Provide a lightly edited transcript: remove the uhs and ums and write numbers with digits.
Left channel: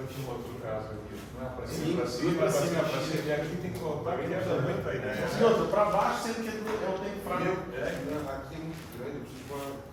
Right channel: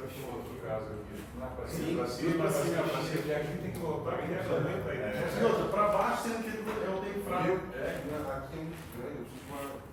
eu tinha um outro caso aqui. Não é pra Sim, cima, pra cima, pra cima, pra cima. Aqui tem que voltar, aqui é muito aí, né? E outra, pra baixo, sendo que é o tempo fraco. Aqui é muito grande, eu preciso